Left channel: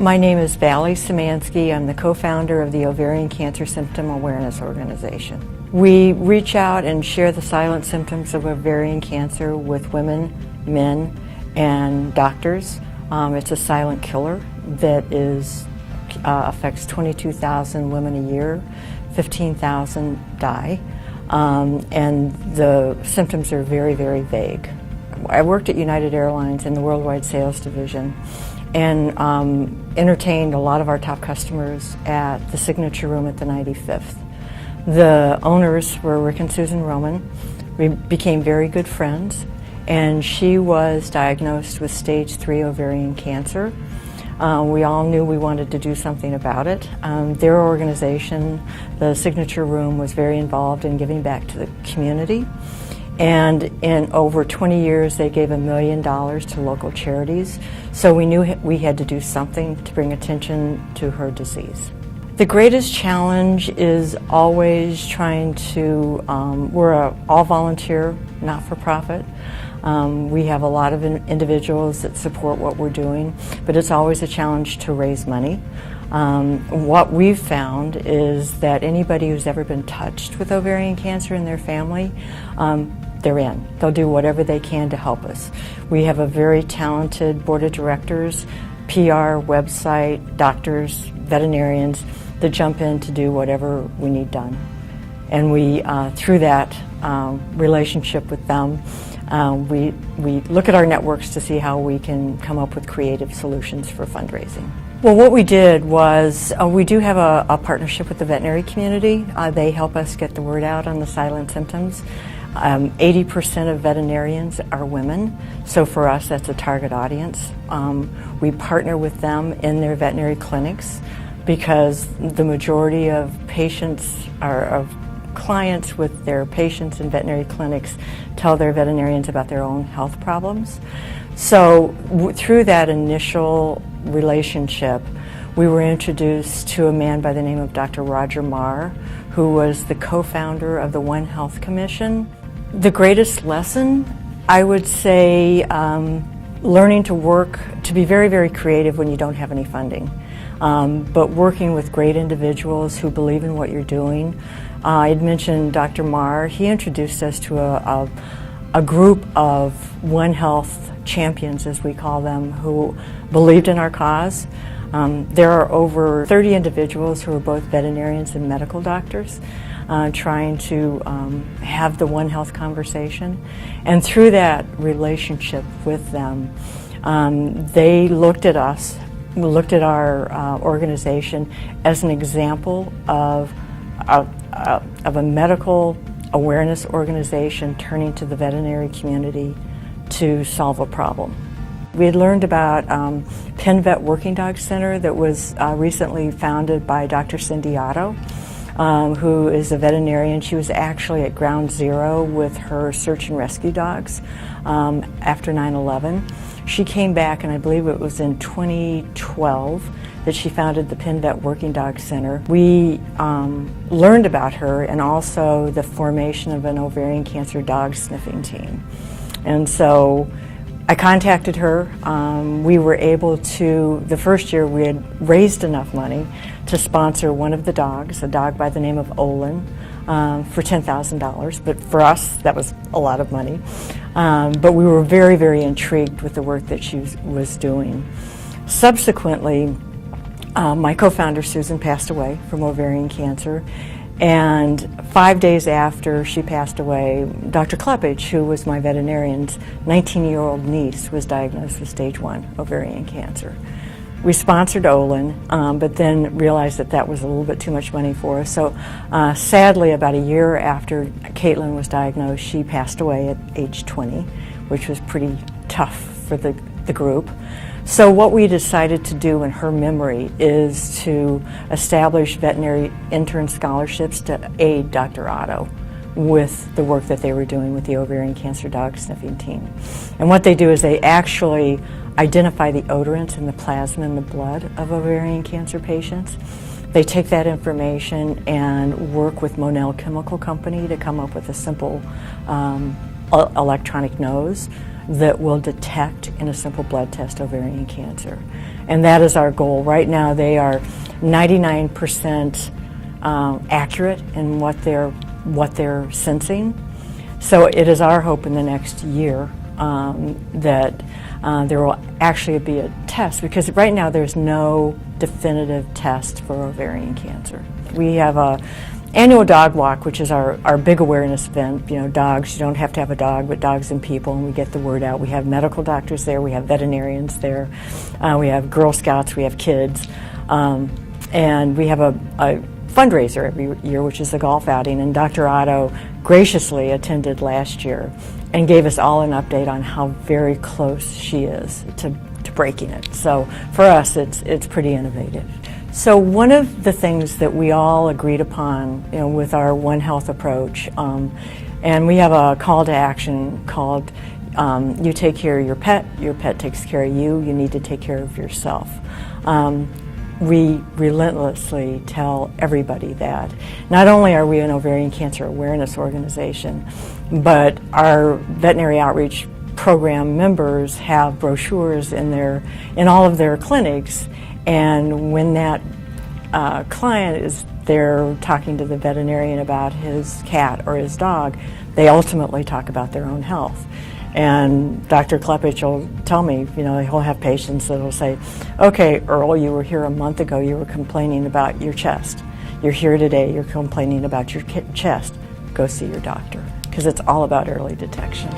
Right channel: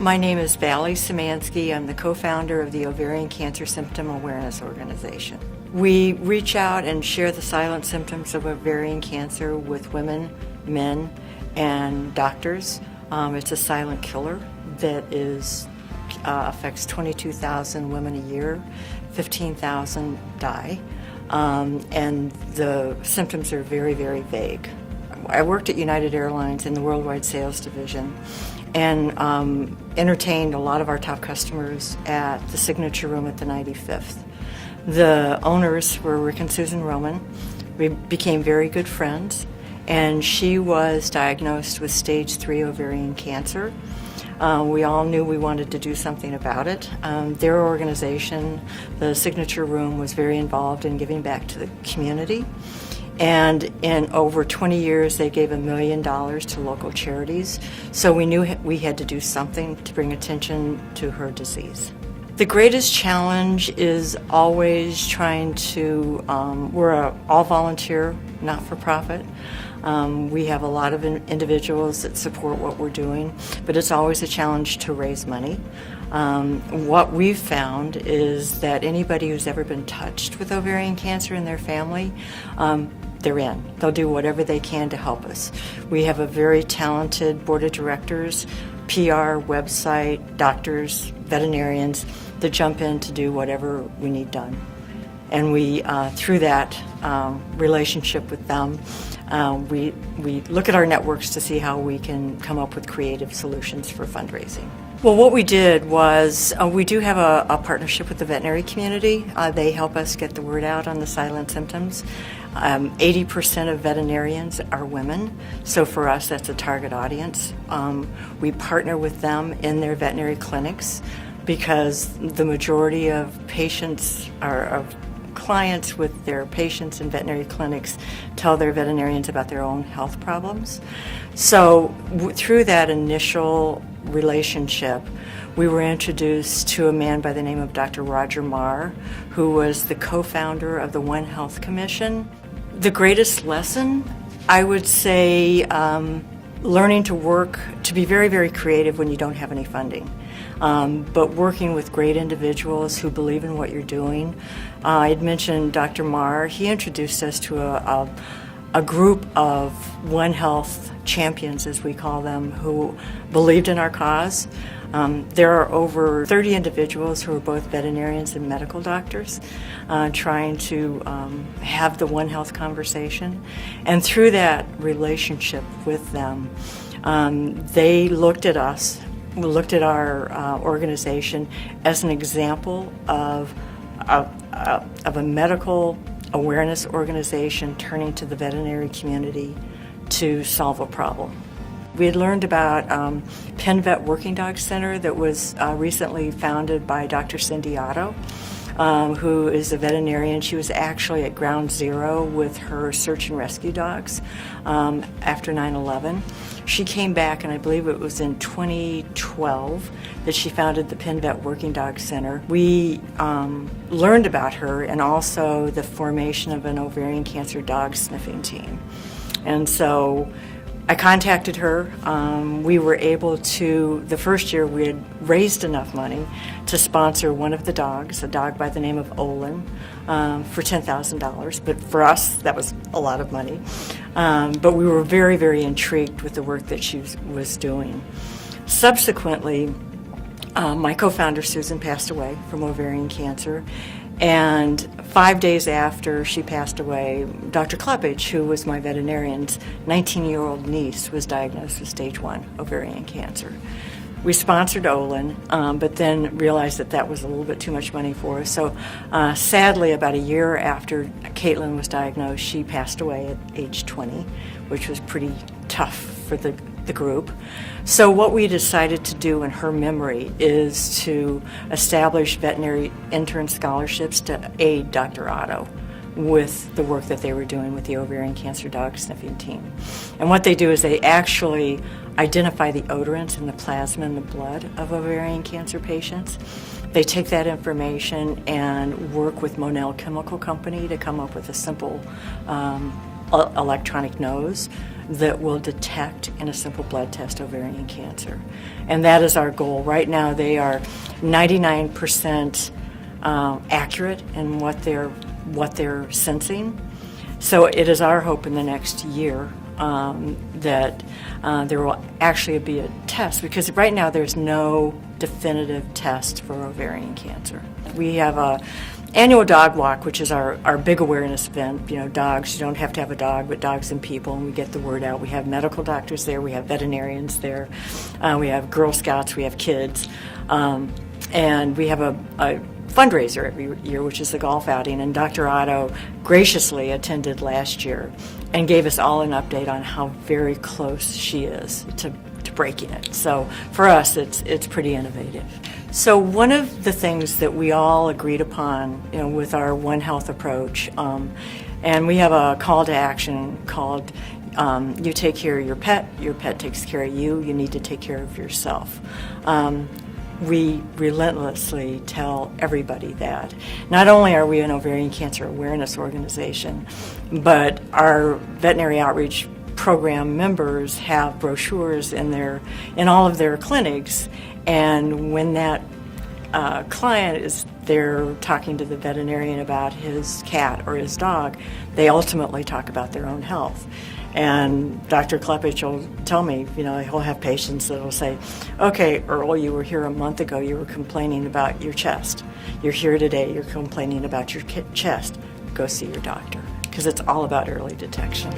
My name is Vallie Szymanski. I'm the co-founder of the Ovarian Cancer Symptom Awareness Organization. We reach out and share the silent symptoms of ovarian cancer with women, men, and doctors. It's a silent killer that affects 22,000 women a year, 15,000 die, and the symptoms are very, very vague. I worked at United Airlines in the Worldwide Sales Division and entertained a lot of our top customers at the Signature Room at the 95th. The owners were Rick and Susan Roman. We became very good friends, and she was diagnosed with stage 3 ovarian cancer. We all knew we wanted to do something about it. Their organization, the Signature Room, was very involved in giving back to the community. And in over 20 years, they gave $1 million to local charities. So we knew we had to do something to bring attention to her disease. The greatest challenge is always trying to, we're an all-volunteer, not-for-profit. We have a lot of individuals that support what we're doing, but it's always a challenge to raise money. What we've found is that anybody who's ever been touched with ovarian cancer in their family, they're in. They'll do whatever they can to help us. We have a very talented board of directors, PR, website, doctors, veterinarians that jump in to do whatever we need done. And we, through that relationship with them, we look at our networks to see how we can come up with creative solutions for fundraising. Well, what we did was we do have a partnership with the veterinary community. They help us get the word out on the silent symptoms. 80% of veterinarians are women, so for us that's a target audience. We partner with them in their veterinary clinics because the majority of patients of clients with their patients in veterinary clinics tell their veterinarians about their own health problems. So through that initial relationship, we were introduced to a man by the name of Dr. Roger Marr, who was the co-founder of the One Health Commission. The greatest lesson, I would say, learning to be very, very creative when you don't have any funding. But working with great individuals who believe in what you're doing. I'd mentioned Dr. Marr. He introduced us to a group of One Health champions, as we call them, who believed in our cause. There are over 30 individuals who are both veterinarians and medical doctors trying to have the One Health conversation. And through that relationship with them, they looked at us, looked at our organization as an example of a medical awareness organization turning to the veterinary community to solve a problem. We had learned about Penn Vet Working Dog Center that was recently founded by Dr. Cindy Otto, who is a veterinarian. She was actually at ground zero with her search and rescue dogs after 9/11. She came back, and I believe it was in 2012 that she founded the Penn Vet Working Dog Center. We learned about her and also the formation of an ovarian cancer dog sniffing team. And so I contacted her. We were able to, the first year we had raised enough money to sponsor one of the dogs, a dog by the name of Olin, for $10,000. But for us, that was a lot of money. But we were very, very intrigued with the work that she was doing. Subsequently, my co-founder Susan passed away from ovarian cancer. And 5 days after she passed away, Dr. Klepich, who was my veterinarian's 19-year-old niece, was diagnosed with stage 1 ovarian cancer. We sponsored Olin, but then realized that that was a little bit too much money for us. So sadly, about a year after Caitlin was diagnosed, she passed away at age 20, which was pretty tough for the group. So what we decided to do in her memory is to establish veterinary intern scholarships to aid Dr. Otto with the work that they were doing with the ovarian cancer dog sniffing team. And what they do is they actually identify the odorants in the plasma and the blood of ovarian cancer patients. They take that information and work with Monell Chemical Company to come up with a simple electronic nose that will detect in a simple blood test ovarian cancer. And that is our goal. Right now they are 99% accurate in what they're sensing. So it is our hope in the next year that there will actually be a test, because right now there's no definitive test for ovarian cancer. We have a annual dog walk, which is our big awareness event. Dogs, you don't have to have a dog, but dogs and people, and we get the word out. We have medical doctors there, we have veterinarians there, we have Girl Scouts, we have kids, and we have a fundraiser every year, which is the golf outing, and Dr. Otto graciously attended last year and gave us all an update on how very close she is to breaking it. So for us, it's pretty innovative. So one of the things that we all agreed upon, with our One Health approach, and we have a call to action called you take care of your pet takes care of you, you need to take care of yourself. We relentlessly tell everybody that. Not only are we an ovarian cancer awareness organization, but our veterinary outreach program members have brochures in all of their clinics, and when that client is there talking to the veterinarian about his cat or his dog, they ultimately talk about their own health. And Dr. Klepich will tell me, he'll have patients that will say, okay, Earl, you were here a month ago, you were complaining about your chest. You're here today, you're complaining about your chest. Go see your doctor, because it's all about early detection.